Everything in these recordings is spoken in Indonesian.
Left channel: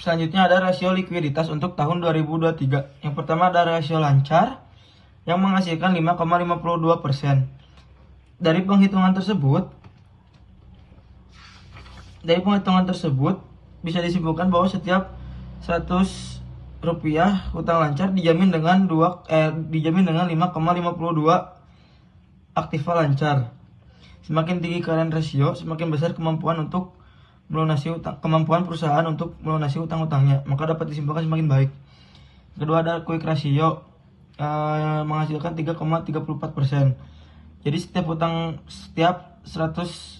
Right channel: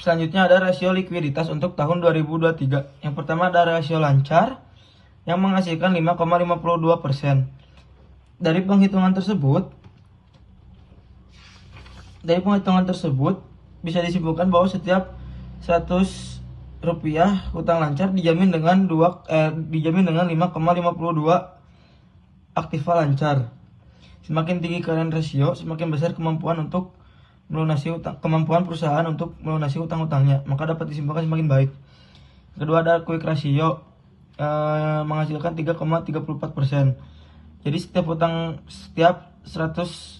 Selanjutnya ada rasio likuiditas untuk tahun 2023. Yang pertama ada rasio lancar yang menghasilkan 5,52%. Dari penghitungan tersebut bisa disimpulkan bahwa setiap 100 rupiah hutang lancar dijamin dengan 5,52 aktiva lancar. Semakin tinggi current ratio, semakin besar kemampuan perusahaan untuk melunasi utang-utangnya, maka dapat disimpulkan semakin baik. Kedua ada quick ratio menghasilkan 3,34%. Jadi setiap 100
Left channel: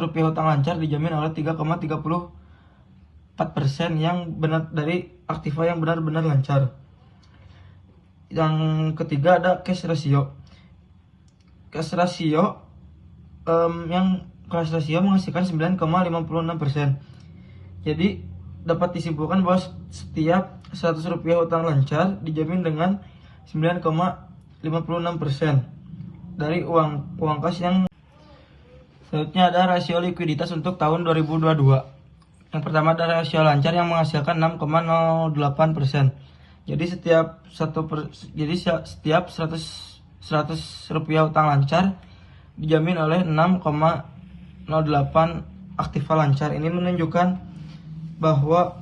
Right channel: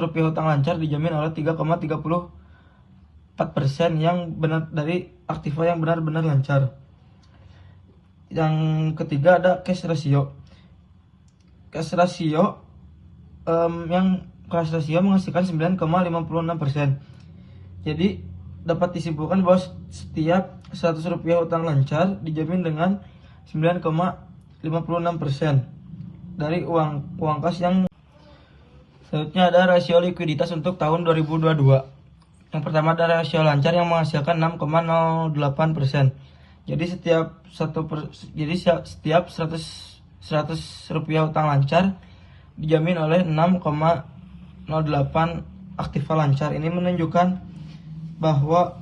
rupiah hutang lancar dijamin oleh 3,34% yang benar dari aktiva yang benar-benar lancar. Yang ketiga ada cash ratio. Cash ratio menghasilkan 9,56%. Jadi dapat disimpulkan bahwa setiap 100 rupiah hutang lancar dijamin dengan 9,56% dari uang kas yang. Selanjutnya ada rasio likuiditas untuk tahun 2022. Yang pertama ada rasio lancar yang menghasilkan 6,08%. Jadi setiap 100 rupiah hutang lancar dijamin oleh 6,08 aktiva lancar. Ini menunjukkan bahwa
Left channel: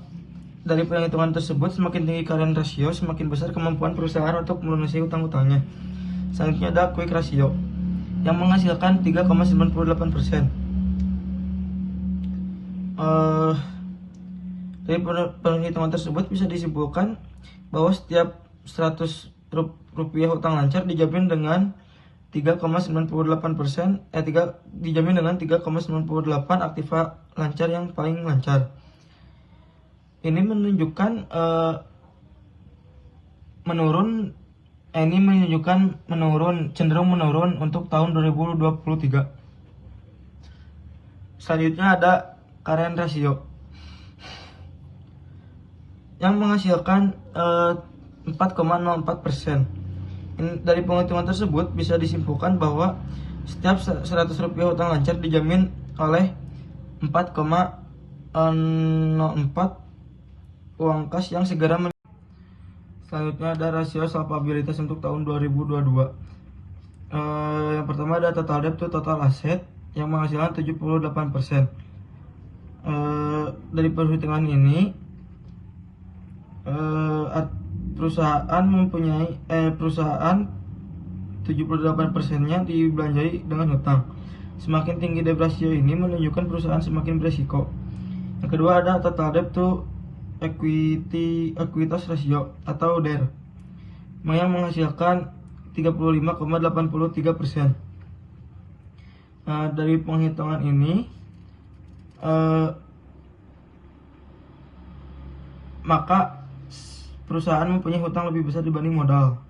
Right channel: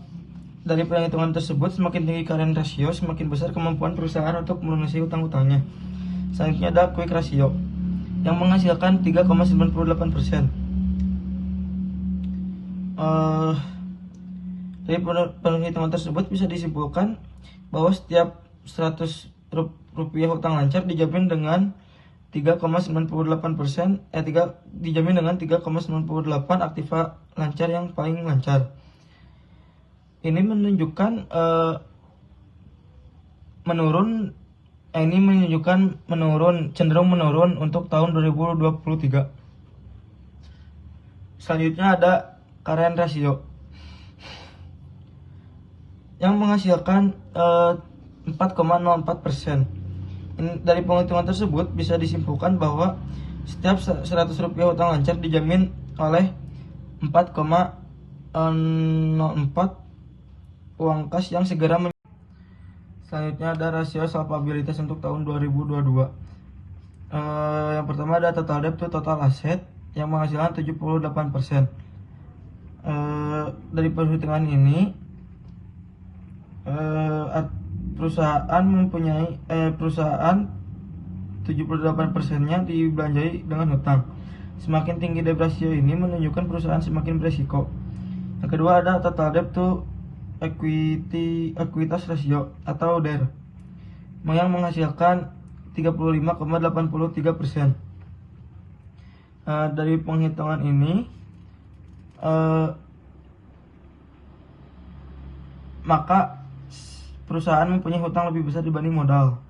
dari perhitungan tersebut semakin tinggi current ratio, semakin besar kemampuan perusahaan untuk melunasi utang-utangnya. Selanjutnya ada quick ratio yang menghasilkan 3,98%. Dari perhitungan tersebut bisa disimpulkan bahwa setiap 100 rupiah hutang lancar dijamin dengan 3,98%, dijamin dengan 3,98 aktiva lancar yang paling lancar. Ini menunjukkan cenderung menurun untuk tahun 2023. Selanjutnya ada current ratio yang menghasilkan 4,04%. Dari penghitungan tersebut bisa disimpulkan bahwa setiap 100 rupiah hutang lancar dijamin oleh 4,04 uang kas yang segera. Selanjutnya ada rasio solvabilitas untuk tahun 2022. Yang pertama ada total debt to total asset yang menghasilkan 78%. Dari perhitungan ini perusahaan 78%-nya dibelanjai dengan hutang. Semakin tinggi debt ratio ini menunjukkan perusahaan semakin berisiko. Yang kedua ada total debt to ekuitas ratio atau DER yang menghasilkan 35,83%. Dari penghitungan ini maka perusahaan mempunyai hutang lebih besar dibanding modal.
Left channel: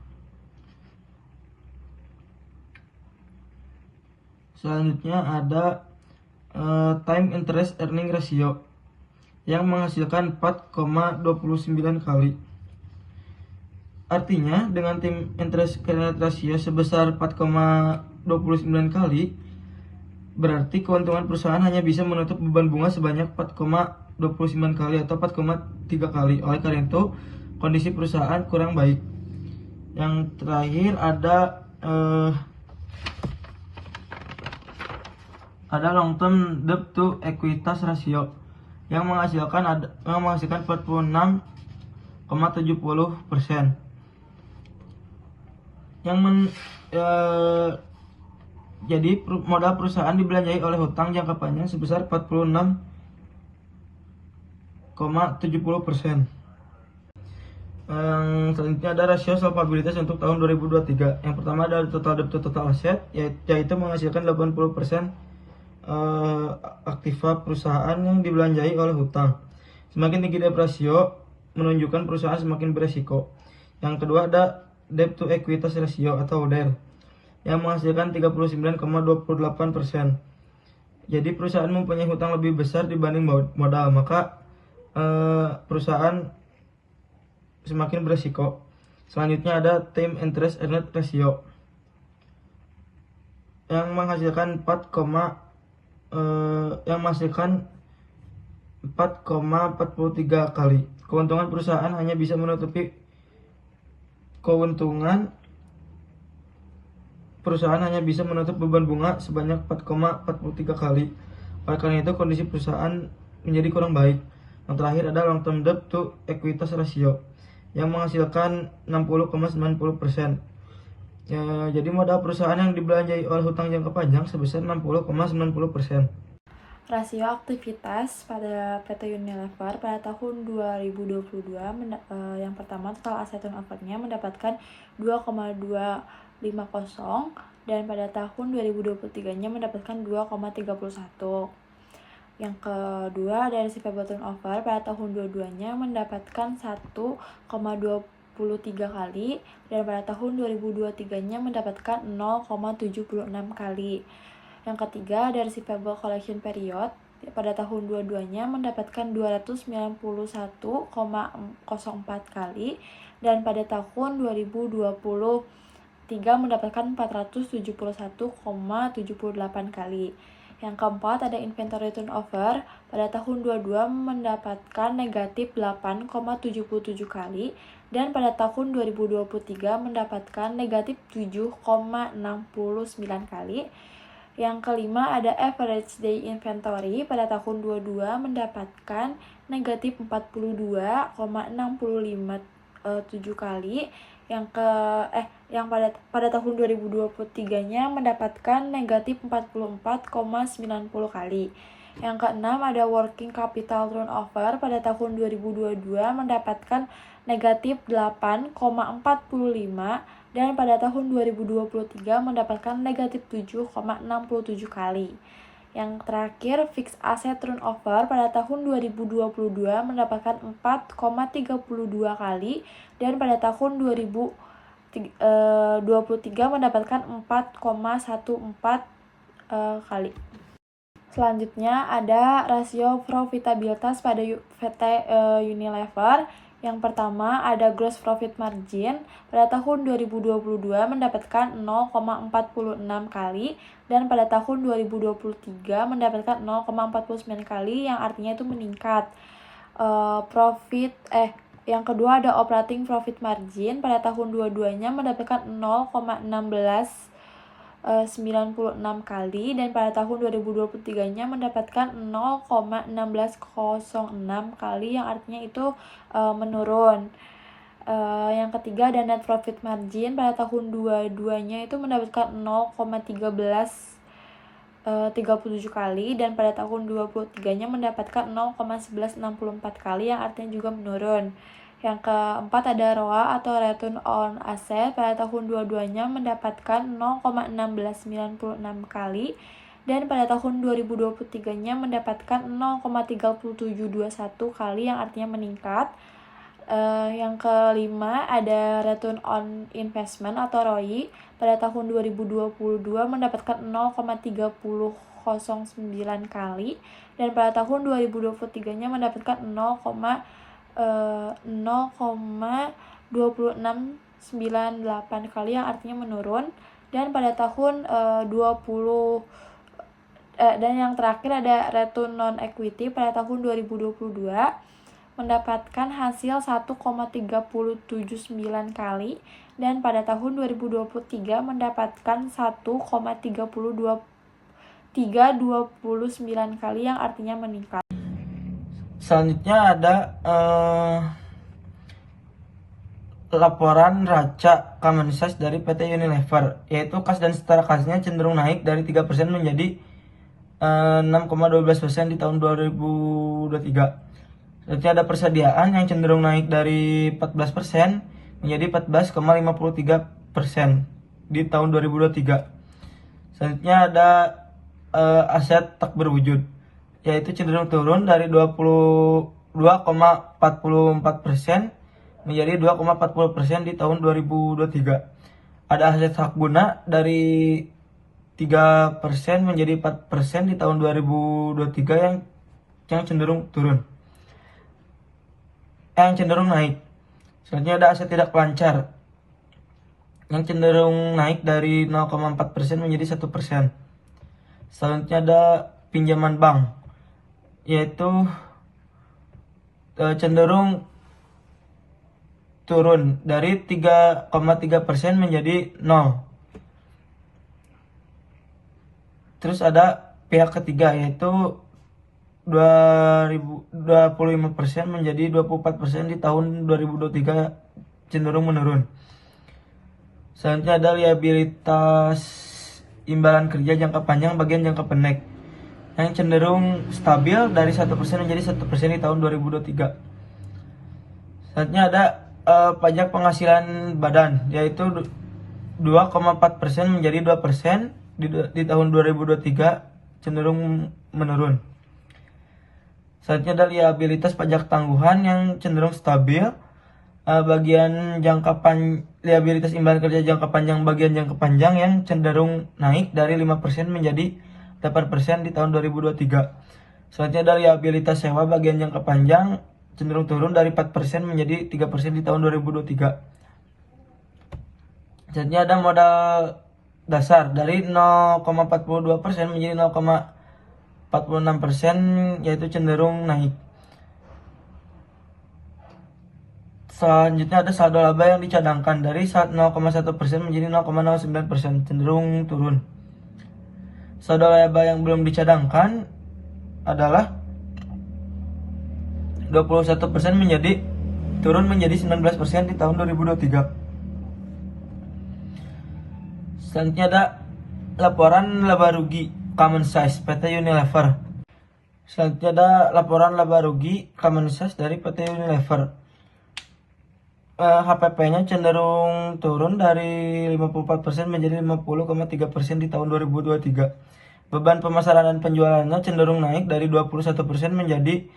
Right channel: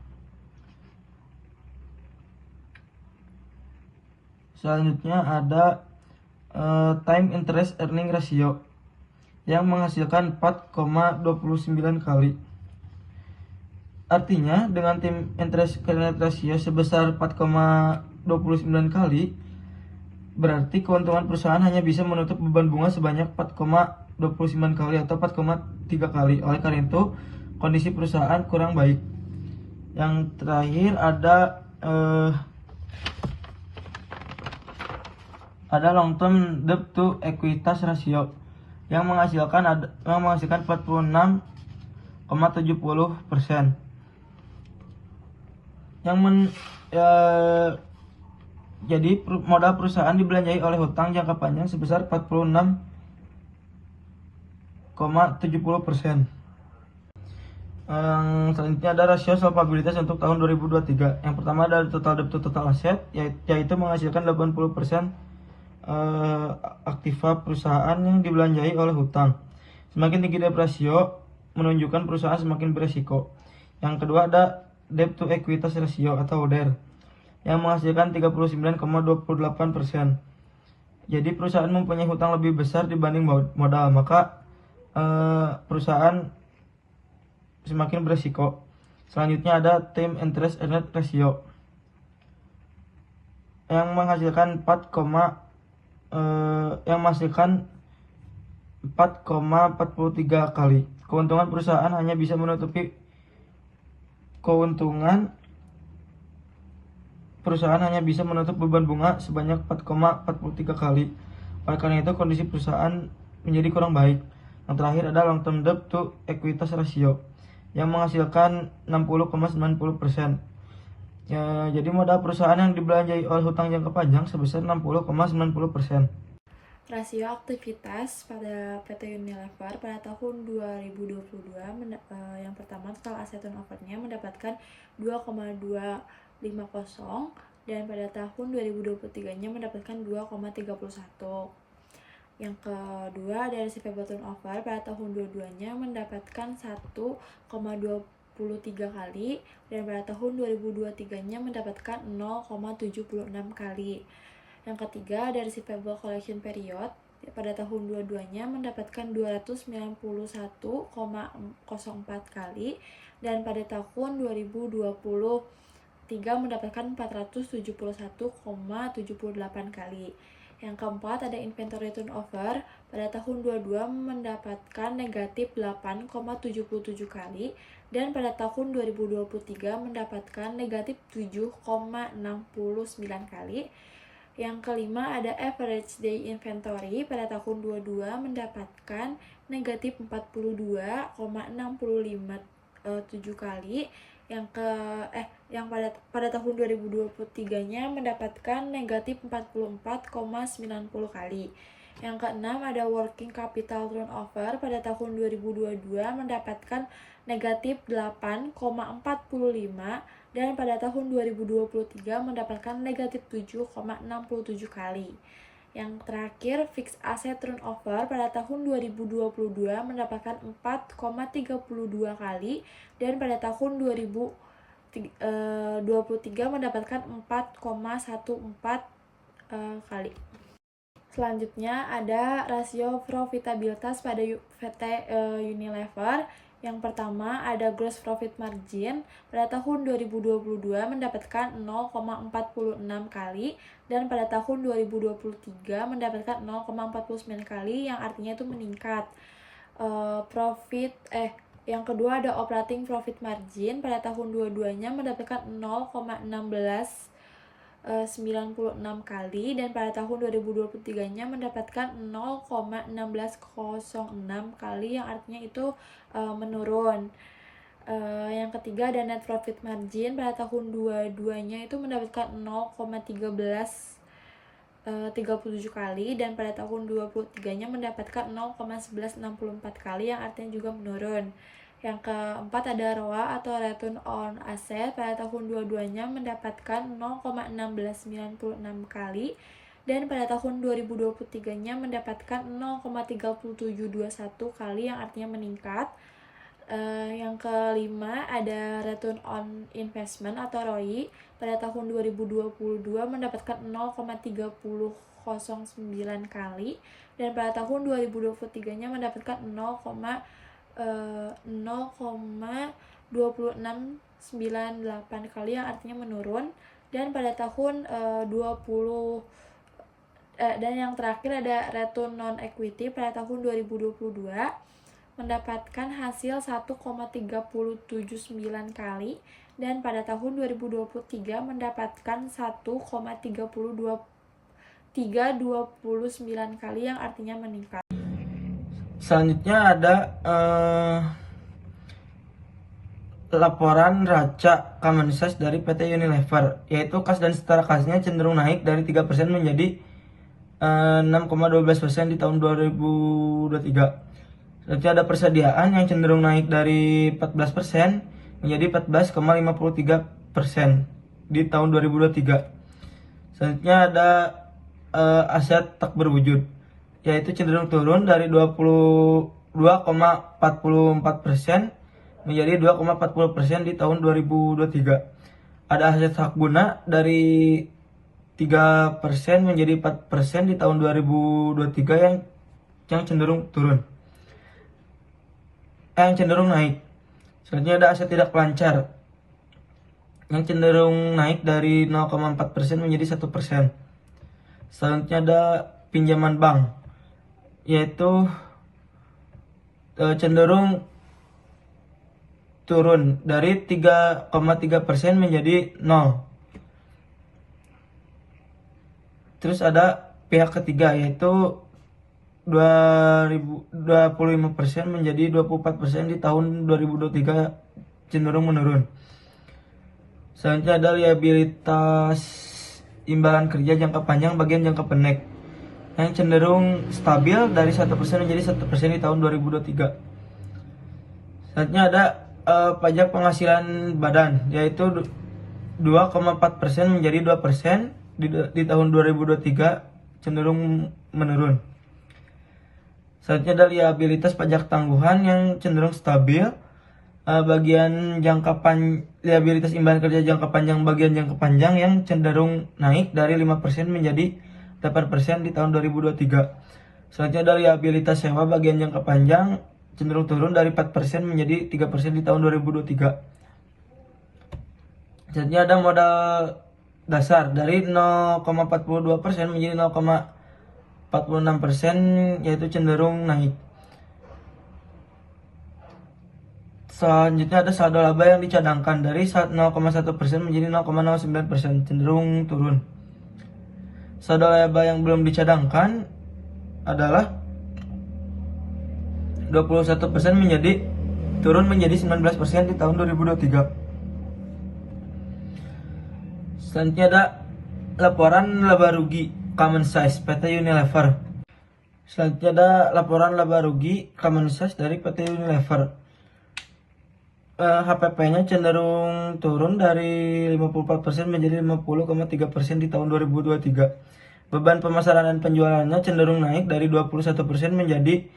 Selanjutnya ada time interest earning ratio yang menghasilkan 4,29 kali. Artinya dengan time interest earning ratio sebesar 4,29 kali, berarti keuntungan perusahaan hanya bisa menutup beban bunga sebanyak 4,29 kali atau 4,3 kali. Oleh karena itu, kondisi perusahaan kurang baik. Yang terakhir ada long term debt to ekuitas ratio yang menghasilkan 46,70%. Jadi modal perusahaan dibelanjai oleh hutang jangka panjang sebesar 46,70%. Selanjutnya ada rasio solvabilitas untuk tahun 2023. Yang pertama ada total debt to total asset, yaitu menghasilkan 80% aktiva perusahaan yang dibelanjai oleh hutang. Semakin tinggi debt ratio menunjukkan perusahaan semakin beresiko. Yang kedua ada debt to equitas ratio atau DER yang menghasilkan 39,28%. Jadi perusahaan mempunyai hutang lebih besar dibanding modal, maka perusahaan semakin beresiko. Selanjutnya ada time interest earned ratio yang menghasilkan 4,43 kali. Keuntungan perusahaan hanya bisa menutupi beban bunga sebanyak 4,43 kali. Oleh karena itu, kondisi perusahaan menjadi kurang baik. Yang terakhir ada long term debt to equity ratio yang menghasilkan 60,90%. Ya, jadi modal perusahaan yang dibelanjai oleh hutang jangka panjang sebesar 60,90%. Rasio aktivitas pada PT Unilever pada tahun 2022 yang pertama total asset turnover-nya mendapatkan 2,250 dan pada tahun 2023-nya mendapatkan 2,31. Yang kedua dari receivable turnover pada tahun 2022-nya mendapatkan 1,23 kali dan pada tahun 2023-nya mendapatkan 0,76 kali. Yang ketiga dari receivable collection period pada tahun 2022-nya mendapatkan 291,04 kali dan pada tahun 2023 mendapatkan 471,78 kali. Yang keempat ada inventory turnover pada tahun 22 mendapatkan negatif 8,77 kali dan pada tahun 2023 mendapatkan negatif 7,69 kali. Yang kelima ada average day inventory pada tahun 22 mendapatkan negatif 42,657 kali. Yang pada tahun 2023-nya mendapatkan negatif 44,90 kali. Yang keenam ada working capital turnover pada tahun 2022 mendapatkan negatif 8,45 dan pada tahun 2023 mendapatkan negatif 7,67 kali. Yang terakhir fixed asset turnover pada tahun 2022 mendapatkan 4,32 kali dan pada tahun 2023 mendapatkan 4,14 kali. Selanjutnya ada rasio profitabilitas pada PT Unilever. Yang pertama ada gross profit margin pada tahun 2022 mendapatkan 0,46 kali dan pada tahun 2023 mendapatkan 0,49 kali yang artinya itu meningkat. Yang kedua ada operating profit margin pada tahun 22-nya mendapatkan 0,96 kali dan pada tahun 2023-nya mendapatkan 0,1606 kali yang artinya itu menurun. Yang ketiga ada net profit margin pada tahun 22-nya itu mendapatkan 0,37 kali dan pada tahun 23-nya mendapatkan 0,1164 kali yang artinya juga menurun. Yang keempat ada ROA atau return on asset pada tahun 22-nya mendapatkan 0,1696 kali dan pada tahun 2023-nya mendapatkan 0,3721 kali yang artinya meningkat. Yang kelima ada return on investment atau ROI pada tahun 2022 mendapatkan 0,3009 kali dan pada tahun 2023-nya mendapatkan 0,2698 kali yang artinya menurun dan pada tahun dan yang terakhir ada return on equity pada tahun 2022 mendapatkan hasil 1,379 kali dan pada tahun 2023 mendapatkan 1,329 kali yang artinya meningkat. Selanjutnya ada laporan raca common size dari PT Unilever, yaitu kas dan setara kasnya cenderung naik dari 3% menjadi 6,12% di tahun 2023. Selanjutnya ada persediaan yang cenderung naik dari 14% menjadi 14,53% di tahun 2023. Selanjutnya ada aset tak berwujud, yaitu cenderung turun dari 22,44% menjadi 2,40% di tahun 2023. Ada aset hak guna dari 3% menjadi 4% di tahun 2023 yang cenderung turun. Yang cenderung naik. Selanjutnya ada aset tidak lancar yang cenderung naik dari 0,4% menjadi 1%. Selanjutnya ada pinjaman bank, yaitu cenderung turun dari 3,3% menjadi 0. Terus ada pihak ketiga yaitu 25% menjadi 24% di tahun 2023, cenderung menurun. Selanjutnya ada liabilitas imbalan kerja jangka panjang bagian jangka pendek yang cenderung stabil dari 1% menjadi 1% di tahun 2023. Selanjutnya ada pajak penghasilan badan yaitu 2,4% menjadi 2% di tahun 2023, cenderung menurun. Selanjutnya ada liabilitas pajak tangguhan yang cenderung stabil. Bagian liabilitas imbalan kerja jangka panjang bagian jangka panjang yang cenderung naik dari 5% menjadi 8% di tahun 2023. Selanjutnya ada liabilitas sewa bagian jangka panjang cenderung turun dari 4% menjadi 3% di tahun 2023. Selanjutnya ada modal dasar dari 0,42% menjadi 0,46%, yaitu cenderung naik. Selanjutnya ada saldo laba yang dicadangkan dari 0,1% menjadi 0,09%, cenderung turun. Saldo laba yang belum dicadangkan adalah 21% turun menjadi 19% di tahun 2023. Selanjutnya ada laporan laba rugi common size PT Unilever. Selanjutnya ada laporan laba rugi common size dari PT Unilever. HPP-nya cenderung turun dari 54% menjadi 50,3% di tahun 2023. Beban pemasaran dan penjualannya cenderung naik dari 21% menjadi